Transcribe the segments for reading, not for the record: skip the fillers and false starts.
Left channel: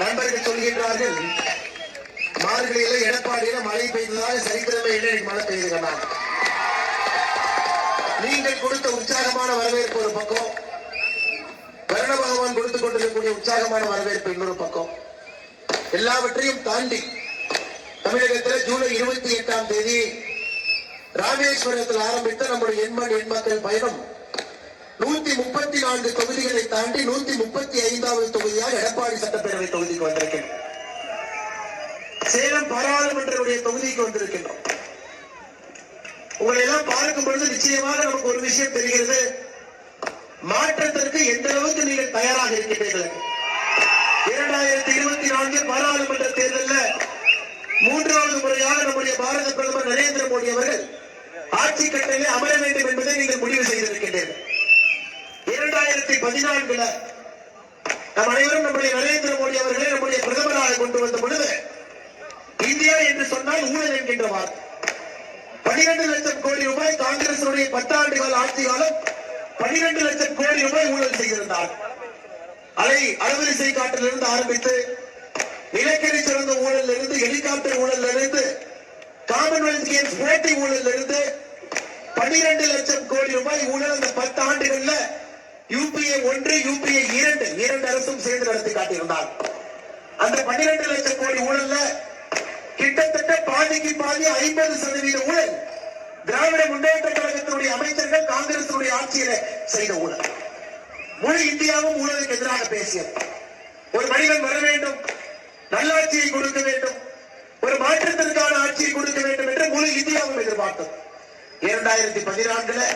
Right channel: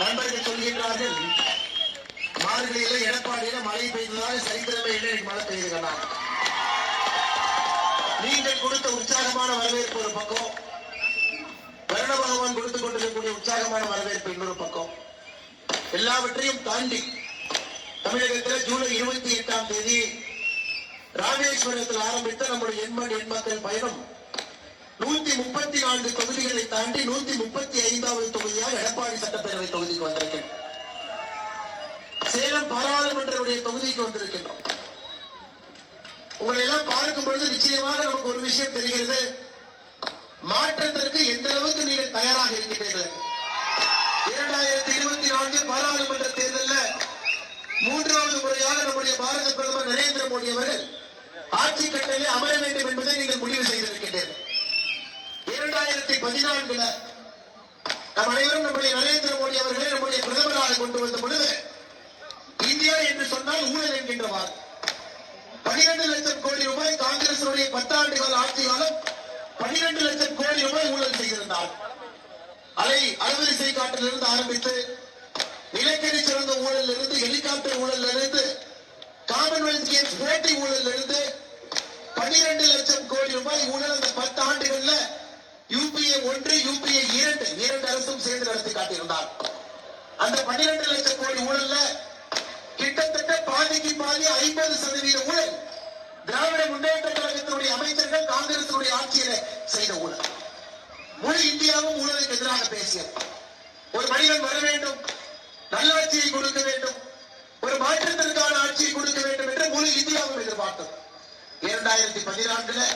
நண்பர்கள் சொல்கின்றார்கள், மார்கழியில எடப்பாடியில மழை பெய்ததாக சரித்திரமே இல்லை, மழை பெய்யுதுங்க. நீங்கள் கொடுத்த உற்சாகமான வரவேற்பு ஒரு பக்கம், வருண பகவான் கொடுத்துக் கொண்டிருக்கக்கூடிய உற்சாகமான வரவேற்பு இன்னொரு பக்கம். எல்லாவற்றையும் தாண்டி தமிழகத்தில் ஜூலை 28ஆம் தேதி ராமேஸ்வரத்தில் ஆரம்பித்த நம்முடைய எண்மண் எண்மக்கள் பயணம் 134 தொகுதிகளை தாண்டி 135வது தொகுதியாக எடப்பாடி சட்டப்பேரவை தொகுதிக்கு வந்திருக்கிறோம். சேலம் பாராளுமன்ற தொகுதிக்கு வந்திருக்கின்றோம். உங்களை எல்லாம் பார்க்கும் பொழுது நிச்சயமாக நமக்கு ஒரு விஷயம் தெரிகிறது, மாற்றத்திற்கு எந்த அளவுக்கு நீங்கள் தயாராக இருக்கின்றீர்கள். 2024 பாராளுமன்ற தேர்தலில் 3வது முறையாக நம்முடைய பாரத பிரதமர் நரேந்திர மோடி அவர்கள் ஆட்சி கட்டளை அமர வேண்டும் என்பதை நீங்கள் முடிவு செய்திருக்கின்றீர்கள். 2014 நம் அனைவரும் நம்முடைய நரேந்திர மோடி அவர்களை நம்முடைய பிரதமராக கொண்டு வந்த பொழுது இந்தியா என்று சொன்னால் ஊழல் என்கின்ற வார்த்தை. 12 லட்சம் கோடி ரூபாய் காங்கிரஸ் 10 ஆண்டு கால ஆட்சி காலம் 12 லட்சம் கோடி ரூபாய் ஊழல் செய்திருந்தார். அலவரிசை காட்டிலிருந்து ஆரம்பித்து நிலக்கரி சுரங்க ஊழல் இருந்து, ஹெலிகாப்டர் ஊழல் இருந்து, காமன்வெல்த் கேம்ஸ் போட்டி ஊழல் இருந்து 12 லட்சம் கோடி ரூபாய் ஊழல் அந்த 10 ஆண்டுகள்ல யூபிஏ 1 யூபிஏ 2 அரசும் சேர்ந்து நடத்தி காட்டியிருந்தார். அந்த 12 லட்சம் கோடி ஊழல்ல கிட்டத்தட்ட பாதிக்கு பாதி 50% ஊழல் திராவிட முன்னேற்ற கழகத்தினுடைய அமைச்சர்கள் காங்கிரஸ் ஆட்சியில செய்த ஊழல். முழு இந்தியாவும் ஊழலுக்கு எதிராக பேசியது. ஒரு மனிதன் வர வேண்டும், நல்லாட்சியை கொடுக்க வேண்டும், ஒரு மாற்றத்திற்கான ஆட்சியை கொடுக்க வேண்டும் என்று முழு இந்தியாவும் எதிர்பார்த்தது. 2014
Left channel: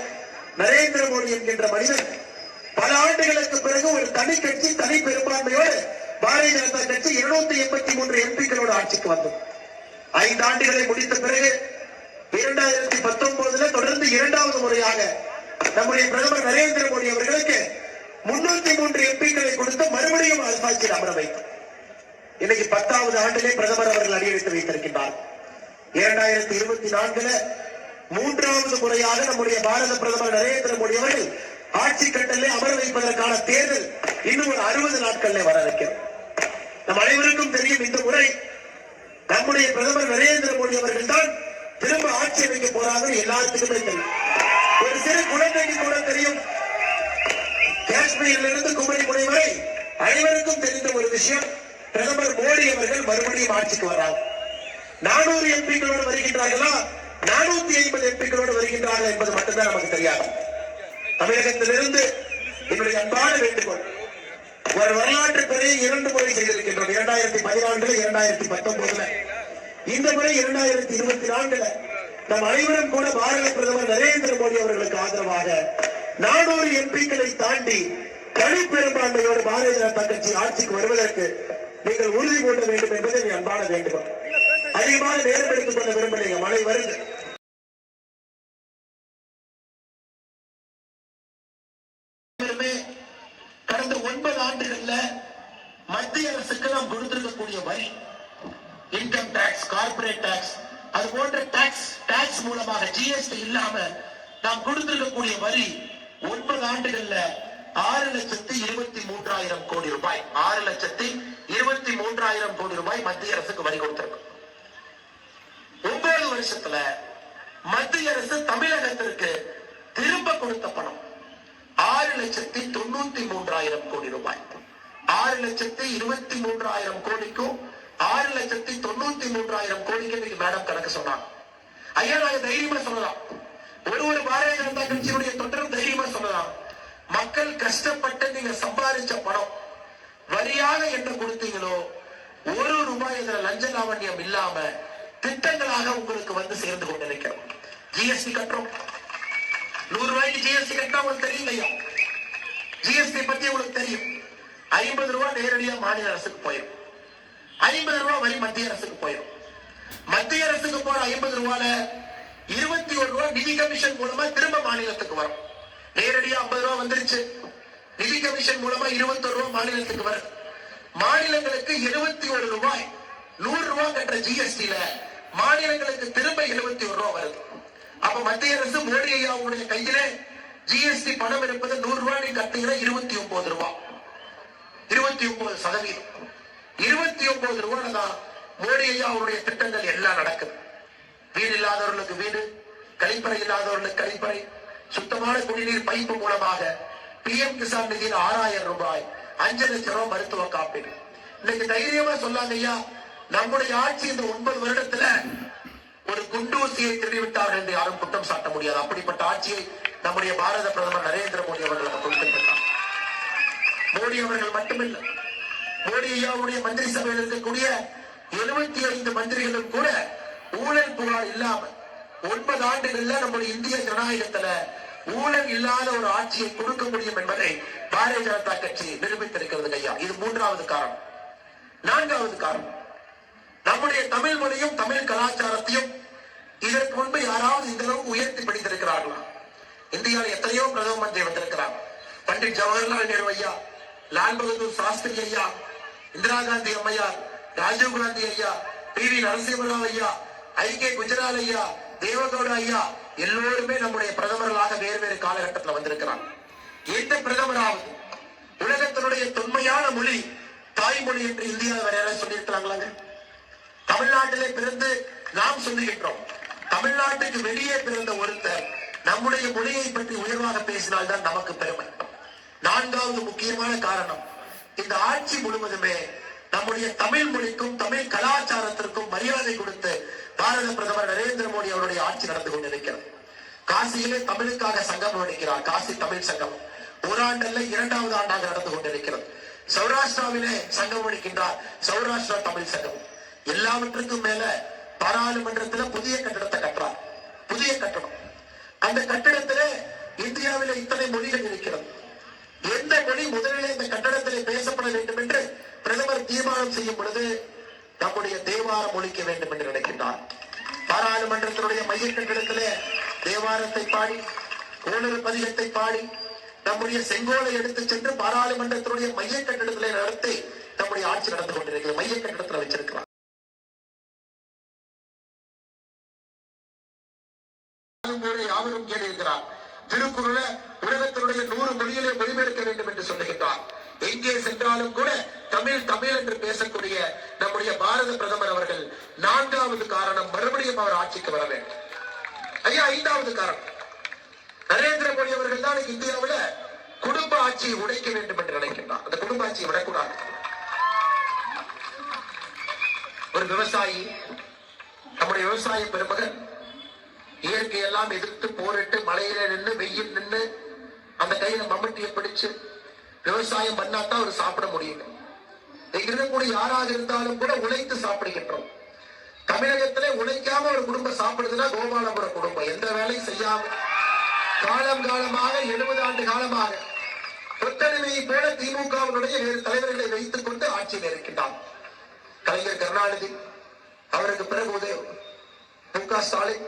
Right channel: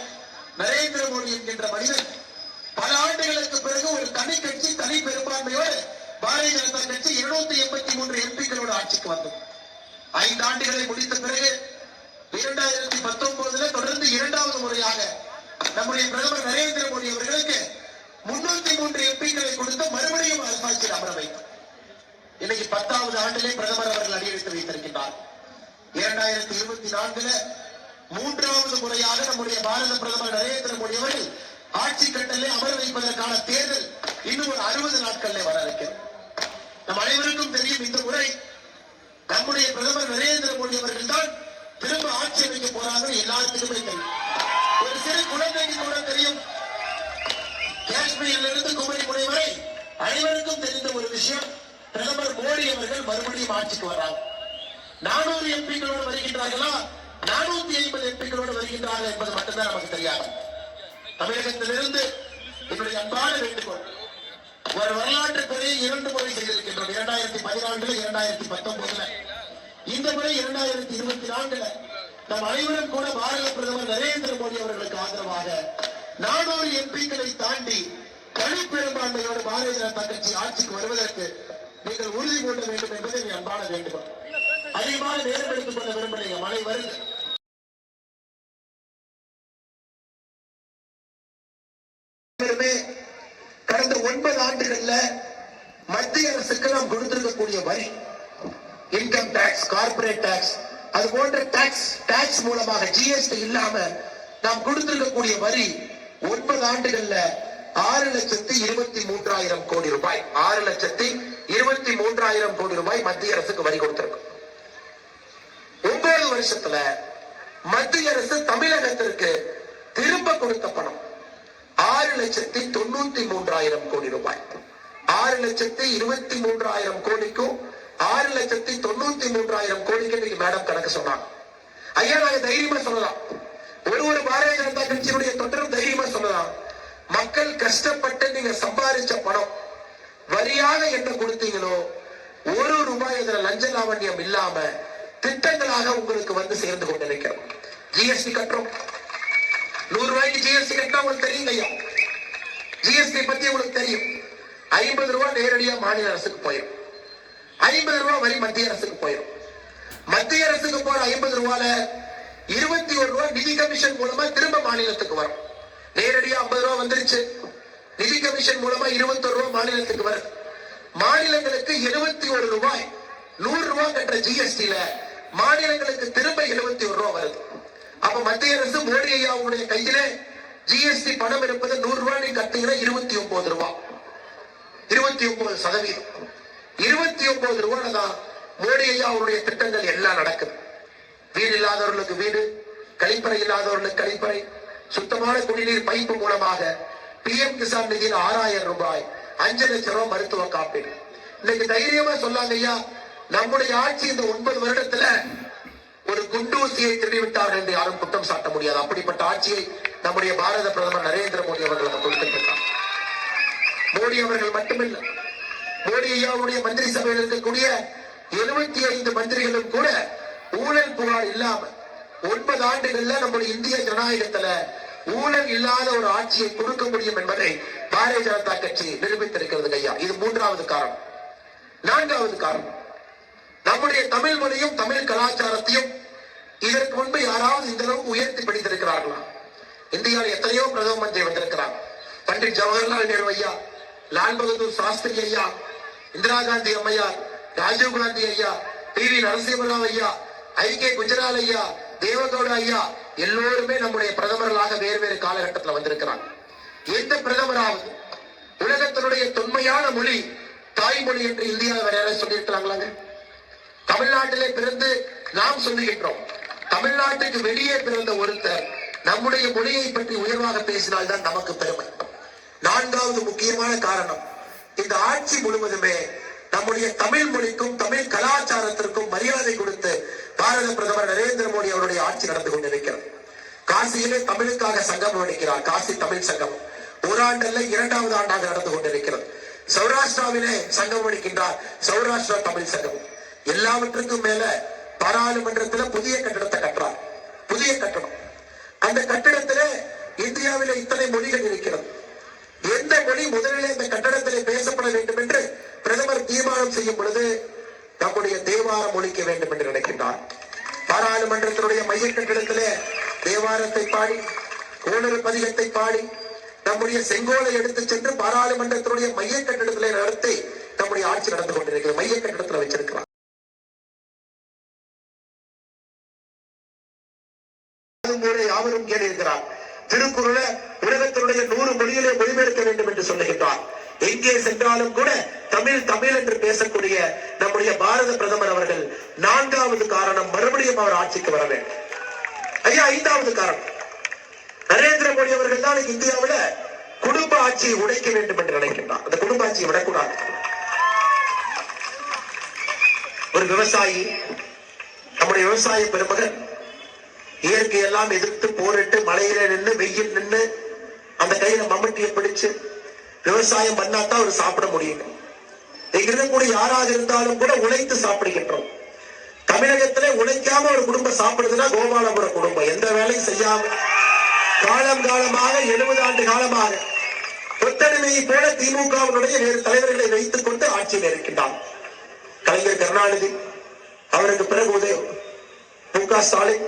நரேந்திர மோடி என்கின்ற மனிதன் பல ஆண்டுகளுக்கு பிறகு ஒரு தனி கட்சி, தனி பெரும்பான்மையோடு பாரதிய ஜனதா கட்சி 283 எம்பிக்களோடு ஆட்சிக்கு வந்தது. 5 ஆண்டுகளை முடித்த பிறகு 2019 தொடர்ந்து 2வது முறையாக நம்முடைய பிரதமர் நரேந்திர மோடி அவர்களுக்கு 303 எம்பிக்களை கொடுத்து மறுபடியும் அரசாட்சியில் அமர வைத்தார். இன்னைக்கு 10வது ஆண்டிலே பிரதமர் அவர்கள் அடியெடுத்து வைத்திருக்கின்றார். 2024 3வது முறையாக நம்முடைய பாரத பிரதமர் நரேந்திர மோடி அவர்கள் ஆட்சி கட்டளை அமர வைப்பதற்கான தேர்தல் இன்னும் ஒரு 60 நாட்களில் வர இருக்கிறது. நம் அனைவருக்கும் தெரியும், இந்த முறை நம்முடைய பிரதமர் நரேந்திர மோடி அவர்கள் தான் திரும்ப ஆட்சி அமைக்க போறாங்க. எல்லாத்துக்குமே தெரியும், ஒரு சிறு குழந்தைக்கு கூட தெரியும். காஷ்மீரில் இருந்து குமரிமுனை வரை அனைவருக்கும் தெரிந்த ஒரு விஷயம், பிரதமர் மோடி அவர்கள் மறுபடியும் ஆட்சிக்கு வர்றாங்க. 400 எம்பிக்களோடு வருகின்றார்களா, 450 எம்பிக்களோடு வருகின்றார்கள் என்பது மட்டும்தான் நமக்கு தெரியாது. தமிழகத்திலிருந்து என்னுடைய அன்பான வேண்டுகோள், ஒரு வரலாற்று பிறையை 2 முறை செய்திருக்கின்றோம். 2014 2019 இந்த முறை 2024 நம் அனைவரும் கூட பாரத பிரதமர் நரேந்திர மோடி அவர்களுக்கு ஆதரவாக 400 எம்பிக்களை தாண்டி தனி பெரும்பான்மையோடு பாரதிய ஜனதா கட்சி ஆட்சிக்கு வருவதற்கு நீங்கள் உறுதி கொள்ள வேண்டும் என்பதை அன்பான வேண்டுகோள். அதிகமாக நேரம் எடுத்துக் கொள்ள விரும்பலைங்க, மழை வருது. கடந்த 9 ஆண்டுகள்ல மத்திய அரசுக்கு நாம் கொடுத்திருக்கக்கூடிய வரி, இன்கம் டாக்ஸ், கார்பரேட் டாக்ஸ், அது போன்ற டாக்ஸ் மூலமாக ஜிஎஸ்டி இல்லாம நாம் கொடுத்திருக்கக்கூடிய வரி 9 ஆண்டுகள்ல 6,23,000 கோடி ரூபாய், 6,23,000 கோடி ரூபாய் மத்திய அரசுக்கு வரி கொடுத்திருக்கும். 9 வருஷத்துல மத்திய அரசு தமிழகத்திற்கு திரும்ப கொடுத்த பணம் 6,93,000 கோடி ரூபாய். 6,23,000 கோடிக்கும் 6,93,000 கோடிக்கு மேடம் கணக்கு சொன்னாங்க. ஐயா, நாங்க தைரியமா சொல்லலாம், ஒரு பாரதிய ஜனதா கட்சியினுடைய தொண்டரும் தைரியமா சொல்லலாம், மக்கள் கஷ்டப்பட்டு நீங்க சம்பாதிச்ச பணம் வரியாக என்ன கொடுத்தீங்களோ 1 ரூபாய் இதுல லஞ்ச லாவண்யம் இல்லாம திட்டங்களாக உங்களுக்கு வந்து சேர்ந்து கொண்டிருக்கிறோம். ஜிஎஸ்டி கட்டுறோம், 100 ரூபாய்க்கு ஜிஎஸ்டி கட்டினா உங்களுக்கு தெரியும் ஐயா. ஜிஎஸ்டி பத்தி உங்களுக்கு தெரியும். 50 ரூபாய் நேரடியா மாநில அரசுக்கு போயிடும், 50 ரூபாய் வரி மத்திய அரசுக்கு போயிடும். மத்திய அரசுக்கு போற 50 ரூபாயில 21 ரூபாய் நிதி கமிஷன் மூலமா திரும்ப மாநிலத்துக்கு வரும். நேரடியா 50 ரூபாய் வந்துருச்சு, நிதி கமிஷன் மூலமா 21 ரூபாய் மாநிலத்துக்கு வரும். மாநிலங்களுக்கு 71 ரூபாய், 100 ரூபாய் கட்டுற ஜிஎஸ்டில மாநிலங்களுக்கு திரும்ப 71 ரூபாய் வருது. அப்ப மத்திய அரசு மோடி ஐயா உங்களுடைய கையில ஜிஎஸ்டி பணம் இருப்பது 100 ரூபாய் நீங்க கட்டீங்கன்னா 29 ரூபாய், 29%. 29 ரூபாய் தான் மோடி ஐயா அவருடைய திட்டங்கள் எல்லாம் நடக்குது. வீடு இல்லாதவர்களுக்கு வீடு, கழிப்பறை இல்லாதவர்களுக்கு கழிப்பறை, சுத்தமான குடிநீர் பைப்பு மூலமாக PM கிசான் நிதியில் 6000 ரூபாய், 5 லட்சம் ரூபாய் மருத்துவ காப்பீடு. இன்னைக்கு தைரியமா சொல்லாங்க ஐயா, நம்முடைய ஆட்சி இந்த 9 வருடத்துல ஒரு குண்டூசியை திருடிவிட்டார்கள் என்று யாரும் குற்றம் சாட்ட முடியாது. அப்படிப்பட்ட ஆட்சியை நம்முடைய பாரத பிரதமர் நரேந்திர மோடி அவர்கள் கொடுத்திருக்கிறார். மோடி அவர்கள் மட்டுமில்லை, மோடி ஐயாவுடைய மந்திரி சபையில் இருக்கக்கூடிய 75 மந்திரிகளும் கூட ஊழல் புகார் இல்லாம 9 ஆண்டுகள்ல நம்முடைய இந்திய ஜனநாயகத்துல ஊழல் இல்லாத ஒரு ஆட்சியை கொடுக்க முடியும் என்பதை பாரதிய ஜனதா கட்சி நிரூபித்திருக்கிறது ஐயா. இது 3வது காரணம். 4வது காரணம், நம்முடைய தமிழ் மொழியும் தமிழ் கலாச்சாரத்தையும் இதற்கு முன்பு யாராவது இந்த அளவுக்கு உயர்த்தி படித்திருக்கிறார்களா? இந்தியாவில் எத்தனையோ பிரதம மந்திரி வந்திருக்கிறார். பண்டிட் ஜவஹர்லால் நேரு ஐயா, லால் பகதூர் சாஸ்திரி ஐயா, இந்திரா காந்தி அம்மையார், ராஜீவ் காந்தி ஐயா, PV நரசிம்மராவ் ஐயா, IK குஜரால் ஐயா, தேவகவுடா ஐயா, எல்லோருமே நம்முடைய பிரதமர்களாக வேறு வேறு காலகட்டத்தில் வந்திருக்கிறார். எந்த பிரதமராவது உலகத்தினுடைய தொன்மையான மொழி தாய்மொழி என்று இந்தியாவை வேற யாராவது சொல்லியிருக்கிறாங்களாங்க? தமிழ்நாட்டிலே பிறந்து நாம் சொல்லுகின்றோம். தமிழ்நாட்டுக்கு வெளியே பிறந்த ஒருத்தர் நம்முடைய மொழியை பற்றி உயர்வாக பேசினால்தான் நமக்கு பெருமை. 4வது முக்கியமான காரணம், இந்த ஆட்சி முழுவதுமே நம்முடைய தமிழ் மொழிக்கும் தமிழ் கலாச்சாரத்திற்கும் மரியாதை கொடுத்து பாரத பிரதமர் நரேந்திர மோடி அவருடைய ஆட்சி நடந்து கொண்டிருக்கிறது. காசியிலே தமிழுக்காக சங்கம் அளிக்கிறார், காசி தமிழ் சங்கம். ஓராண்டல்ல 2வது ஆண்டாக நடந்து கொண்டிருக்கிறது. சௌராஷ்டிராவிலே சங்கம் அளிக்கின்றார், சௌராஷ்டிரா தமிழ் சங்கம். எல்லாவற்றுக்கும் மேல பாராளுமன்றத்தில் புதிய கட்டடத்தை கட்டுறார், புதிய கட்டடம். அந்த கட்டடத்திலே இந்தியாவிலே இத்தனை மொழிகள் இருக்கிறது. எந்த மொழி முதலிலே இந்த கட்டடத்திலே பேசப்பட வேண்டும் என்று பிரதமர் தீர்மானம் செய்யும் பொழுது நம்முடைய தேவாரம் ஒழிக்க வேண்டும் என்று நினைக்கின்றார். பாராளுமன்றத்தினுடைய மைய கட்டடத்திலே தேவாரத்தை பாடி, கோளறு பதிகத்தை பாடி, நம்முடைய செங்கோலை எடுத்து சென்று பாராளுமன்றத்தினுடைய மைய கட்டடத்திலே நடத்தி நம்முடைய ஆட்சி நடந்து கொண்டிருக்கிறது. மைய கட்டடத்தில் வச்சிருக்கிறார். யாவரும் கேட்டிருக்கிறார். திருக்குறளை உலகத்தினுடைய 100 மொழியிலே மொழிபெயர்க்க வேண்டும் என்று சொல்லுகின்றார். எங்கே சென்றாலும் கூட தமிழ் தமிழ் என்று பேசக்கூடிய நம்முடைய பாரத பிரதமர் அவர்கள் 4வது காரணம், மறுபடியும் அவர் ஆட்சிக்கு வர வேண்டும். ஐயா, 5வது காரணம், நரேந்திர மோடி அவர்கள் தான் இந்தியாவில் குடும்ப ஆட்சியை உடைக்க வேண்டும் என்று நினைக்கின்றார். அந்த குடும்ப ஆட்சியை விடக்கூடாது. ஒரு விவசாயி, நம்முடைய விவசாய பெருமகன் இயற்கையெல்லாம் எதிர்த்து போரிட்டு மழையில நின்று வெயில் நின்று அந்த கையில மம்முட்டியை பிடிச்சு விவசாயம் பண்ணாதான் அவர் சாப்பிட முடியும். இருக்கக்கூடிய யாராக இருந்தாலும் கூட உழைத்து சாப்பிடுகின்றோம். தமிழகத்திலே உழைக்காம ஒரு குடும்பம் சாப்பிடுதுன்னா கோபாலபுர குடும்பம். எந்த வேலையும் செய்யாம காலம் காலமாக 70 ஆண்டு காலமாக கொத்தடிமையை போல திமுகவினுடைய வேறு தலைவர்களை வைத்துக் கொண்டு ஆட்சியில் இருக்கின்றார். கலைஞர் கருணாநிதி, அவருக்கு பிறகு MK ஸ்டாலின்,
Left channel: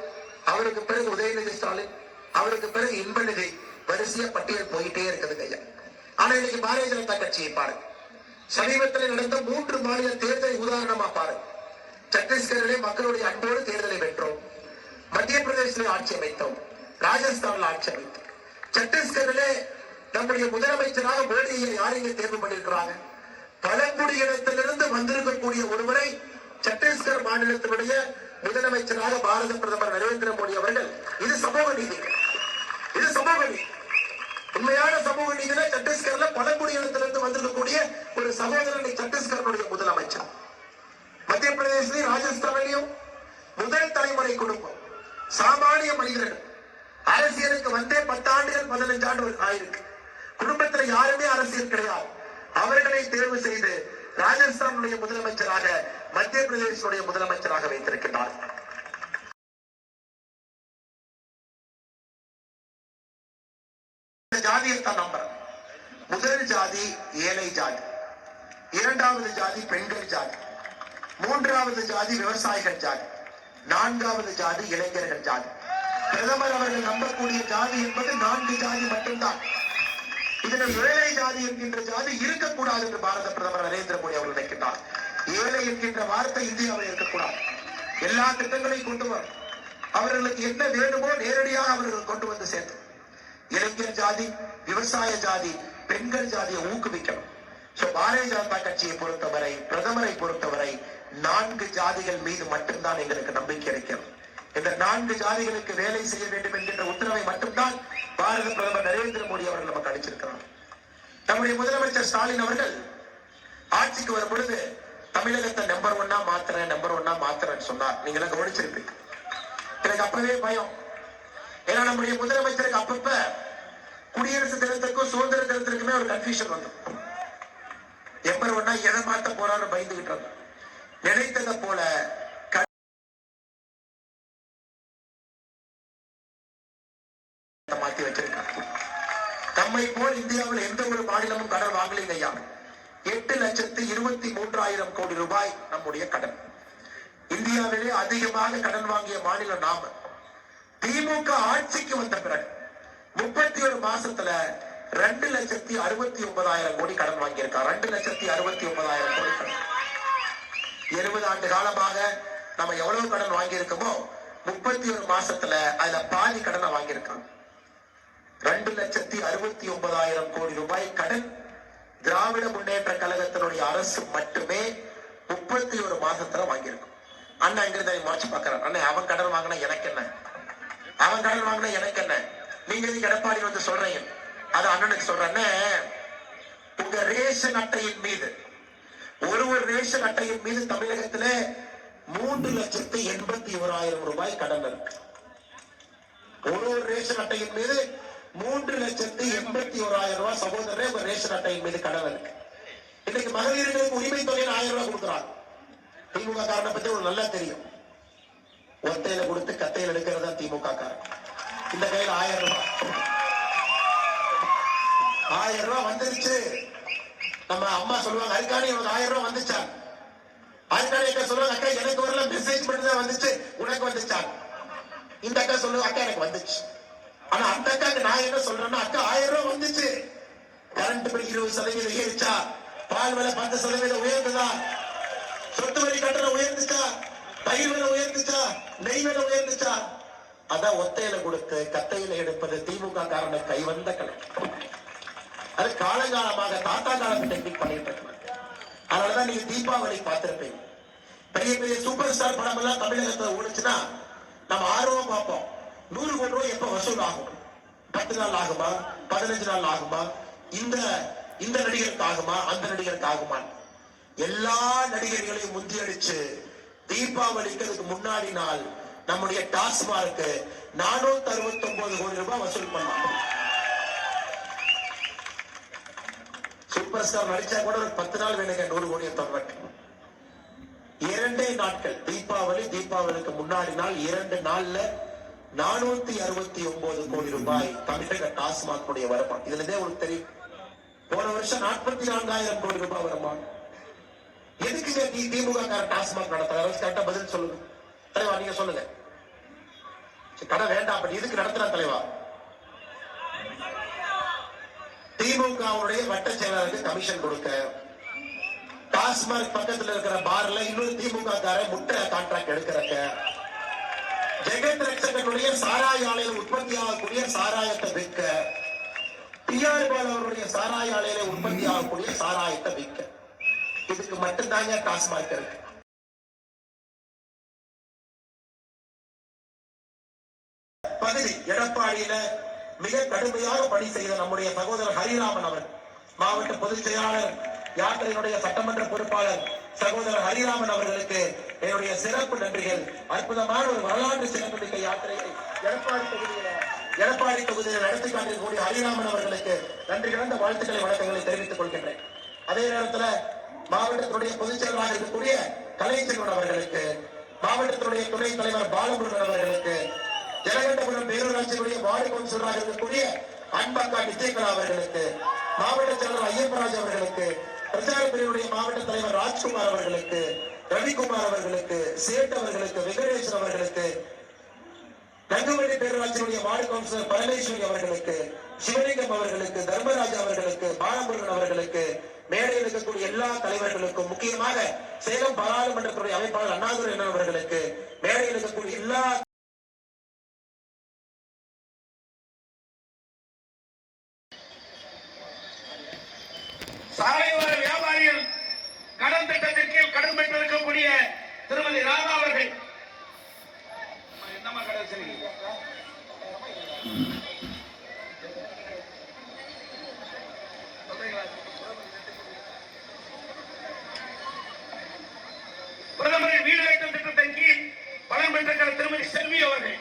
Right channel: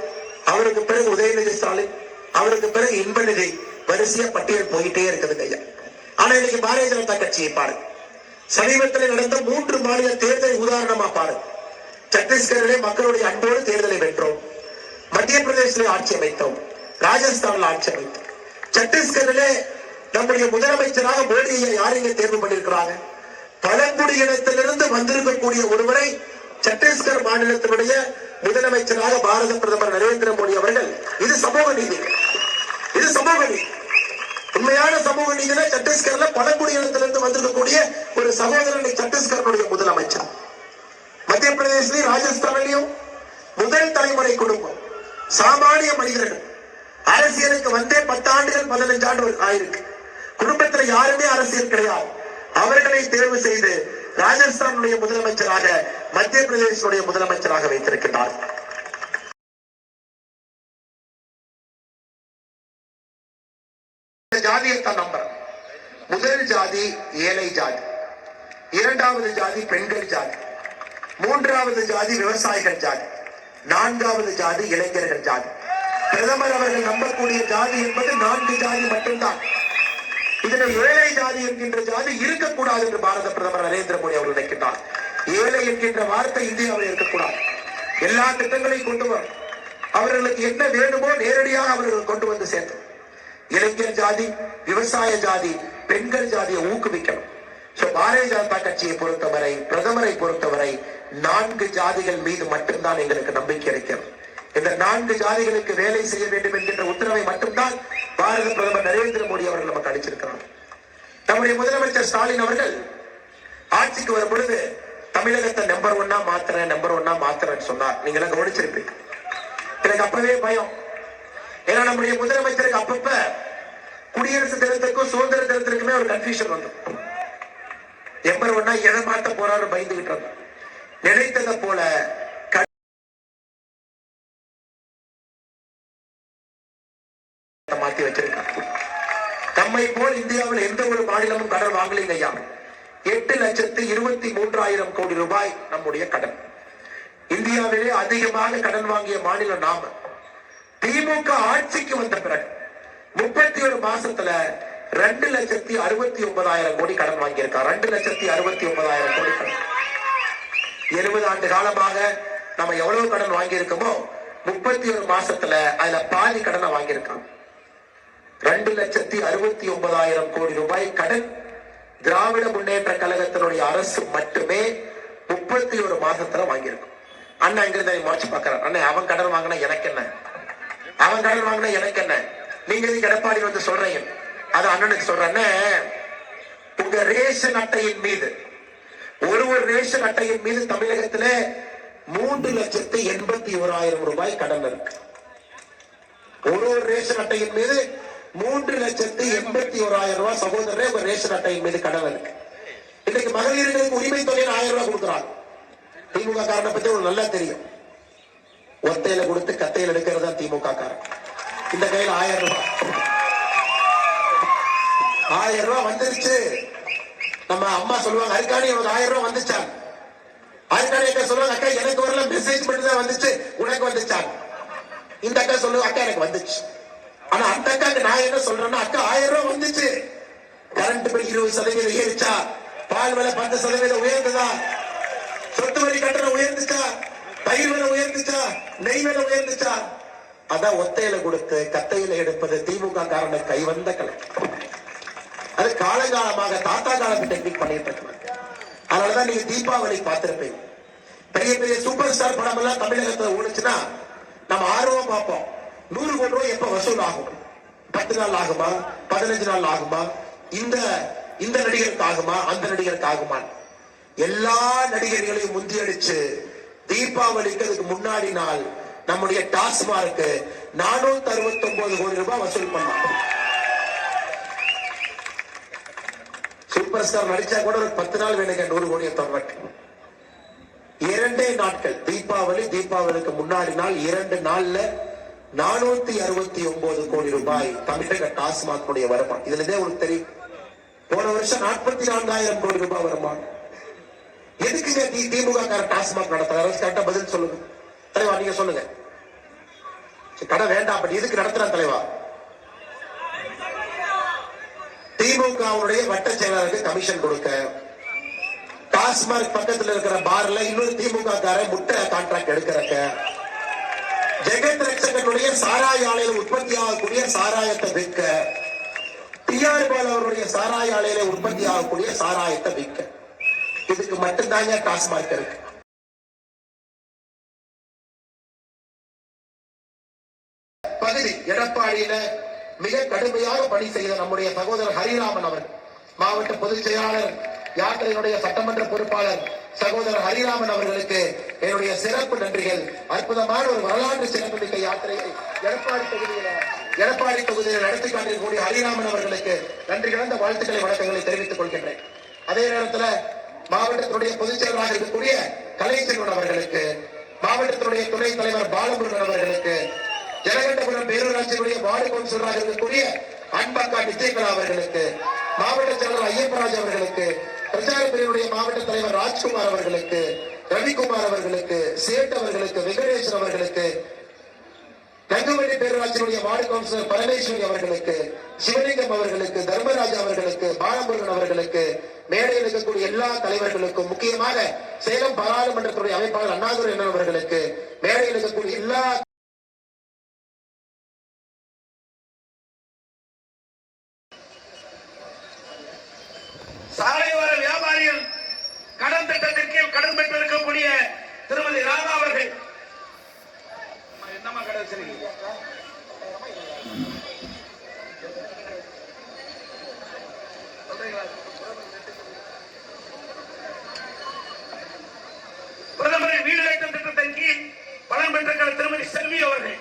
அவருக்கு பிறகு உதயநிதி ஸ்டாலின், அவருக்கு பிறகு இன்பநிதி, வரிசையா பட்டியல் போயிட்டே இருக்குது ஐயா. ஆனா இன்னைக்கு பாரதிய ஜனதா கட்சியை பாருங்க. சமீபத்தில் நடந்த 3 மாநில தேர்தலை உதாரணமா பாருங்க. சத்தீஸ்கரிலே மக்களுடைய அன்போடு தேர்தலை வென்றோம். மத்திய பிரதேசத்திலே ஆட்சி அமைத்தோம். ராஜஸ்தானில் ஆட்சி அமைத்தோம். சத்தீஸ்கரிலே நம்முடைய முதலமைச்சராக மோடியை யாரையும் தேர்வு பண்ணியிருக்கிறாங்க? பழங்குடியினத்திலிருந்து வந்திருக்கக்கூடிய ஒருவரை சத்தீஸ்கர் மாநிலத்தினுடைய முதலமைச்சராக பாரத பிரதமர் நரேந்திர மோடி அவர்கள். இது சமூக நீதி, இது சமூக நீதி. உண்மையான சமூக நீதினா சத்தீஸ்கர்ல பழங்குடியினத்திலிருந்து வந்திருக்கக்கூடிய ஒரு சகோதரனை சத்தீஸ்கருடைய முதலமைச்சர். மத்திய பிரதேசத்திலையும் ராஜஸ்தானிலையும் முதல் தலைமுறை குடும்பம், சாமானிய மனிதர்கள். அரசியலுக்கு வந்தே 10 ஆண்டுகள் 15 ஆண்டுகள் ஆயிருக்கு. குடும்பத்துல யாருமே அரசியல் கிடையாது. அவர்களை தேர்வு செய்து ராஜஸ்தானுடைய முதலமைச்சராக, மத்திய பிரதேசனுடைய முதலமைச்சராக வைத்திருக்கிறார். ஜாதியத்தான் நம்பர். முதல் ஜாதி ஏழை ஜாதி, 2வது ஜாதி பெண்கள் ஜாதி, 3வது ஜாதி விவசாயிகள் ஜாதி, 4வது ஜாதி இளைஞர்கள் ஜாதி. பிரதமர் அவர்கள் நம்பக்கூடிய ஜாதி என்பது 4 ஜாதி மட்டும்தான். இதுல ஏழை ஜாதி என்கின்ற ஜாதி இருக்கக்கூடாது என்று பாரத பிரதமர் நரேந்திர மோடி அவர்கள் நினைக்கின்றார். ஏழை என்கின்ற வார்த்தை இந்தியாவில் இருக்கக்கூடாது. எல்லா திட்டங்களையும் கொண்டு வரும். அவர்களுக்கு என்ன வேணுமோ நேரடியாக அவர்கள் கொண்டு வந்து சேர்த்து இளைஞர் ஜாதி, விவசாய ஜாதி, பெண்கள் ஜாதியை ஊக்குவிக்கணும். பாரதிய ஜனதா கட்சியை பொறுத்தவரை, பிரதமரை பொறுத்தவரை 4 ஜாதிகள் மீது மட்டும்தான் எங்களுக்கு நம்பிக்கை இருக்கிறது. இந்த 4 ஜாதிகளுக்கு வேலை செய்ய வேண்டும் என்கின்ற உத்தரவை மட்டும்தான் பாரத பிரதமர் நரேந்திர மோடி அவர்கள் நமக்கு அளிச்சிருக்கிறார். நம்முடைய முதலமைச்சர் ஸ்டாலின் அவர்கள் ஆட்சிக்கு வரும் பொழுது தமிழகத்தை நம்பர் 1 மாத்திரன்னு சொன்னார். நீங்க எல்லாம் கவனிச்சிருப்பீங்க. எனக்கு அப்பவே பயம். ஏன்னா நம்முடைய முதலமைச்சருக்கு அப்பப்ப குடியரசு தினத்திற்கும் சுதந்திர தினத்திற்குமே ஒரு கன்ஃபியூஷன் வந்து நம்பர் 1 எதை மாத்த போறாரு பயந்துகிட்டு இருந்தோம். நினைத்ததை போல மாத்தி வச்சிருக்காங்க. நம்மை போல் இந்தியாவில் எந்த ஒரு மாநிலமும் கடன் வாங்கலைங்க ஐயா. 8,23,000 கோடி ரூபாய் நம்முடைய கடன். இந்தியாவிலே அதிகமாக கடன் வாங்கிய மாநிலம் நாம. திமுக ஆட்சிக்கு வந்த பிறகு 31 மாசத்துல 2,69,000 கோடி கடன் வாங்கியிருக்கார். 2,69,000 கோடி கடன். 70 ஆண்டு காலமாக நம்ம எவ்வளவு கடன் வாங்கியிருக்கோமோ 31 மாசத்துல அதுல பாதி கடனை வாங்கியிருக்காங்க. 2,69,000 கோடி ரூபாய் கடன் திராவிட முன்னேற்ற கழகத்தினுடைய அரசு மட்டுமே 31 மாசத்துல வாங்கியிருக்கும். அண்ணா இங்கிருந்து மாற்றி பார்க்கிறார். அண்ணா அவன் கடன் வாங்கினா எனக்கு என்ன, அவன் கடன் வாங்கினா எனக்கு என்ன, நீங்க எடப்பாடி வந்து சொல்றீங்க. அது அண்ணனுக்கு சொல்றேன்னு, உங்க ரேஷன் அட்டையின் மீது ஒரு ரேஷன் அட்டையின் மீது தமிழகத்துல 3,81,000 ரூபாய் கடன் இருக்கு. ஒரு ரேஷன் அட்டையின் மீது 3,81,000 ரூபாய் சகோதரரே உங்க ரேஷன் அட்டையின் மீது கடன் இருக்கு. இன்னைக்கு மகளிர்களுக்கு உரிமை தொகை 1000 ரூபாய் கொடுக்குறாங்க. திமுக காரனை பத்தி உங்களுக்கு நல்லா தெரியும். ஒத்தையில கொடுத்து கத்தையில எடுக்கிறதா திமுக காரன். இந்த கையில் 1000 ரூபாய் 1000 ரூபாய் வந்துருச்சு. நம்ம அம்மா சொல்லுவாங்க, அதுக்காண்டி எனக்கு 1000 ரூபாய் வந்துச்சா? அதுக்காண்டி அக்கா சொல்லுவாங்க, அக்கா எனக்கு வரல, மெசேஜ் மட்டும் தான் வந்துச்சு, உனக்கு வந்துச்சா? இந்த அக்கா சொல்லுவாங்க, அக்கா எனக்கு வந்துச்சு. ஆனா அந்த அக்காக்கு நான் என்ன சொல்றேன்னா, அக்கா 1000 ரூபாய் வந்துச்சு. Current bill 20% ஏறிச்சா? பால் விலை 10% உயர்ந்ததா? சொத்து வரி கட்டணம் உயர்ந்துச்சா? பயிர் விலை உயர்ந்துச்சா? நெய் விலை உயர்ந்துச்சா? அதான் ஒத்தையில கொடுத்து கத்தையில எடுப்பது திமுக காரனை கைவந்த கலை. அது காலகாலமாக தாத்தா காலத்து டெக்னிக் பண்ணிட்டு இருக்காங்க. அதனாலதான் நீங்க தீபாவளி பார்த்திருப்பீங்க. பெரிய பெரிய சூப்பர் ஸ்டார் படம் எல்லாம் தமிழகத்துல ஓடுச்சுன்னா நம்ம ஆர்வம் பார்ப்போம். 100 கோடி ரூபாய் எப்ப வசூல் ஆகும்? 10 நாள் ஆகுமா, 15 நாள் ஆகுமா, இந்த நடிகருக்கு ஆகுமா, அந்த நடிகருக்கு ஆகுமா? எல்லா நடிகர்களையும் முந்தியடிச்சு தீபாவளிக்கு அதுக்கு முன்னாடி நாள் நம்முடைய டாஸ்மார்க்கு 469 கோடி ரூபாய் வசூல் பண்ணாங்க. சூப்பர் ஸ்டார் நடிச்சா கூட ஒரு 10 நாள் வேணுங்க 100 கோடியை தொடர்ந்து. 2 நாட்கள் தீபாவளிக்கு முன்னாடி நாள் 2 நாள்ல 469 கோடி ரூபாய் தமிழக டாஸ்மாக் வருமானம். இதுல இருந்தே உங்களுக்கு தெரியும், போன வருஷம் 44,000 கோடி ரூபாய் வருமானம். எதுக்குங்க திமுக டாஸ்மாக் நடத்துறாரு? கரெக்டா பதில் சொல்லுங்க தலைவா, நீங்க சொல்லுங்க. கடை வேண்டாம், அப்படி எதுக்கு நடத்துறான் தலைவா? திமுகவுடைய வட்ட செயலாளருக்கு கமிஷன் கொடுக்க, டாஸ்மாக் பக்கத்தில் இருக்கிற பார்ல இன்னொரு திமுக காரன் முட்டை கான்ட்ராக்ட் எடுக்கிறக்க, ஜெகத் ரட்சகனுடைய சாராய ஆலையில் உற்பத்தி ஆகக்கூடிய சாராயத்தை விற்க, டிஆர் பால் அவருடைய சாராய ஆலையில உற்பத்தி ஆகக்கூடிய சாராயத்தை விற்க, இதுக்கு மட்டும்தாங்க டாஸ்மாக் இருக்கு. பகுதி எடப்பாடியில மிக கடுமையாக பணி செய்த நம்முடைய சகோதரர் ஹரிராமன் அவர், மாவட்ட பொதுச் செயலாளர், யாத்திரையினுடைய சட்டமன்ற பொறுப்பாளர் சகோதரர் ஹரிராமன் அவர்களுக்கு என்னுடைய சிறப்பு நன்றிகள். அற்புதமான ஒரு வரலாற்று சிறப்புமிக்க யாத்திரையை எடப்பாடி தொகுதியில் நடத்தி காட்டிருக்கக்கூடிய ஹரிராமன் அவர்களுக்கு நன்றி கலந்த வாழ்த்துக்களை வணக்கங்களை தெரிவித்துக் கொள்கின்றேன். அதே நேரத்தில் மாவட்டத்தினுடைய பொதுச் செயலராக இருக்கக்கூடிய கலைச்செல்வன் அவர்களுக்கு, மாவட்டத்தினுடைய துணைத் தலைவர் பாலமுருகன் அவர்களுக்கு, ஜலகண்டபுரம் பேரூராட்சியுடைய வார்டு கவுன்சிலராக இருக்கக்கூடிய அன்பக்கா நித்யகலா அவர்களுக்கு, மாவட்ட செயலர் ஐயப்பராஜ் அவர்களுக்கு, பிரச்சார பிரிவுடைய மாவட்ட தலைவர் ராஜ்குமார் அவர்களுக்கு, ரவிக்குமார் அவர்களுக்கு, சேட் அவர்களுக்கு, வெங்கடேசன் அவர்களுக்கு, கங்குவண்டி பேரூராட்சியுடைய வார்டு கவுன்சிலர் பரமேஸ்வரி அவர்களுக்கு, சிவலிங்கம் அவர்களுக்கு, தர்மராஜ் அவர்களுக்கு, பாலமுருகன் அவர்களுக்கு, மேடையில் இருக்கக்கூடிய எல்லா தலைவர்களுக்கும், முக்கியமாக சேலம் பாராளுமன்றத்துடைய அமைப்பாளர் அண்ணாதுரை அவர்களுக்கு, மேடையில் இருக்கக்கூடிய எல்லா சாலை ஓர கடன் திட்டத்தின் கீழ் கடன் பெற்றிருக்கக்கூடிய திருமதி ராதா அவர்கள். என்னமா கடை வச்சிருக்கீங்க? பிரதமரின் வீடு கட்டும் திட்டத்தின் கீழ் பலன் பெற்றிருக்கிற திருமதி செல்வி அவர்கள்.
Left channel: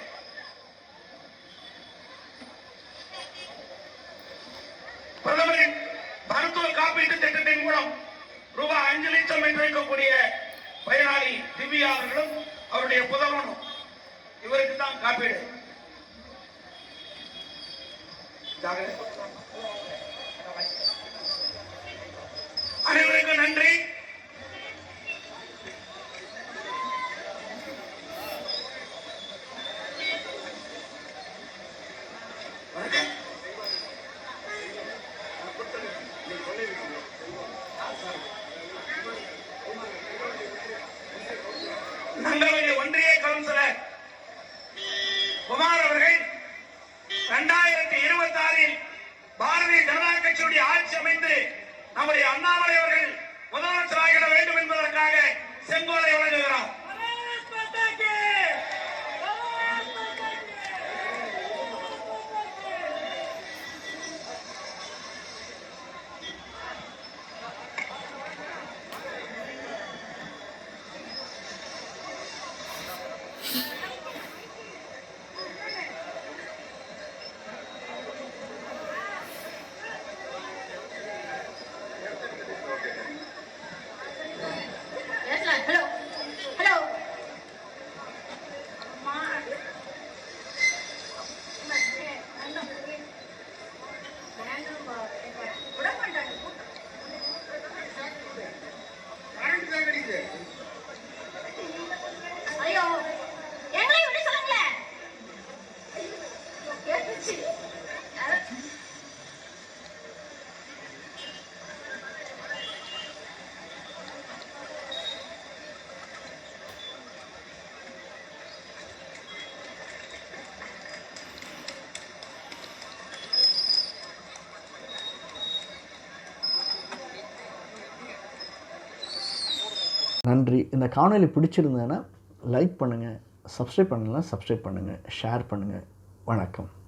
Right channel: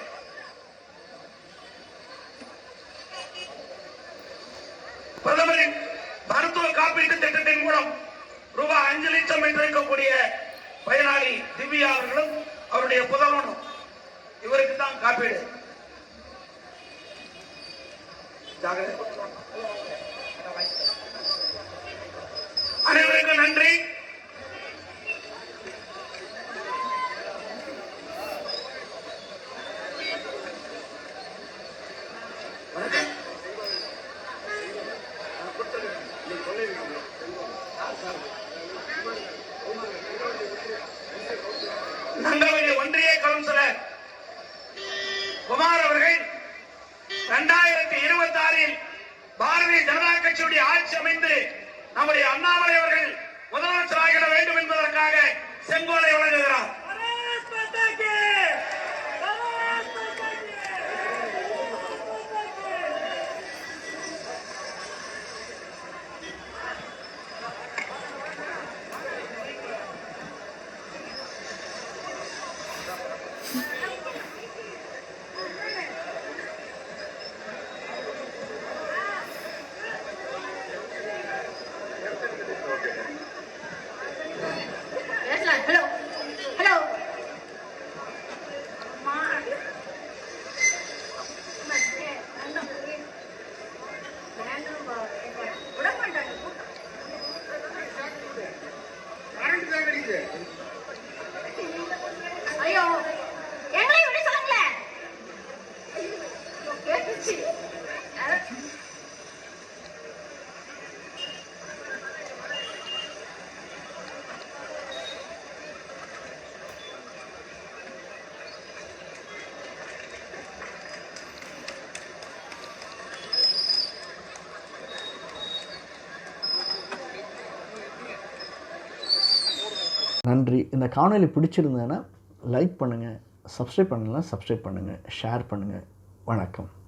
பிரதமரின் மருத்துவ காப்பீட்டு திட்டத்தின் மூலம் ரூபாய் 5 லட்சம் பெற்றிருக்கக்கூடிய பயனாளி திவ்யா அவர்களும் அவருடைய புதல்வனும். இவருக்கு தான் காப்பீடு. அனைவருக்கும் நன்றி. நங்கவெளி ஒன்றிய கவுன்சிலர் குமார் அவர்கள் 2026 பாரதிய ஜனதா கட்சியுடைய ஆட்சி அமைந்து நம்முடைய அண்ணாமலை அவர்கள் முதலமைச்சராகிட வேண்டும் என்பதற்காக செங்கோலை வழங்குகிறார். ஐயோ எங்களை விட சொல்லுங்களேன். நன்றி. இந்த காணொளி பிடிச்சிருந்ததுன்னா லைக் பண்ணுங்கள், சப்ஸ்கிரைப் பண்ணலாம் சப்ஸ்கிரைப் பண்ணுங்கள், ஷேர் பண்ணுங்கள். வணக்கம்.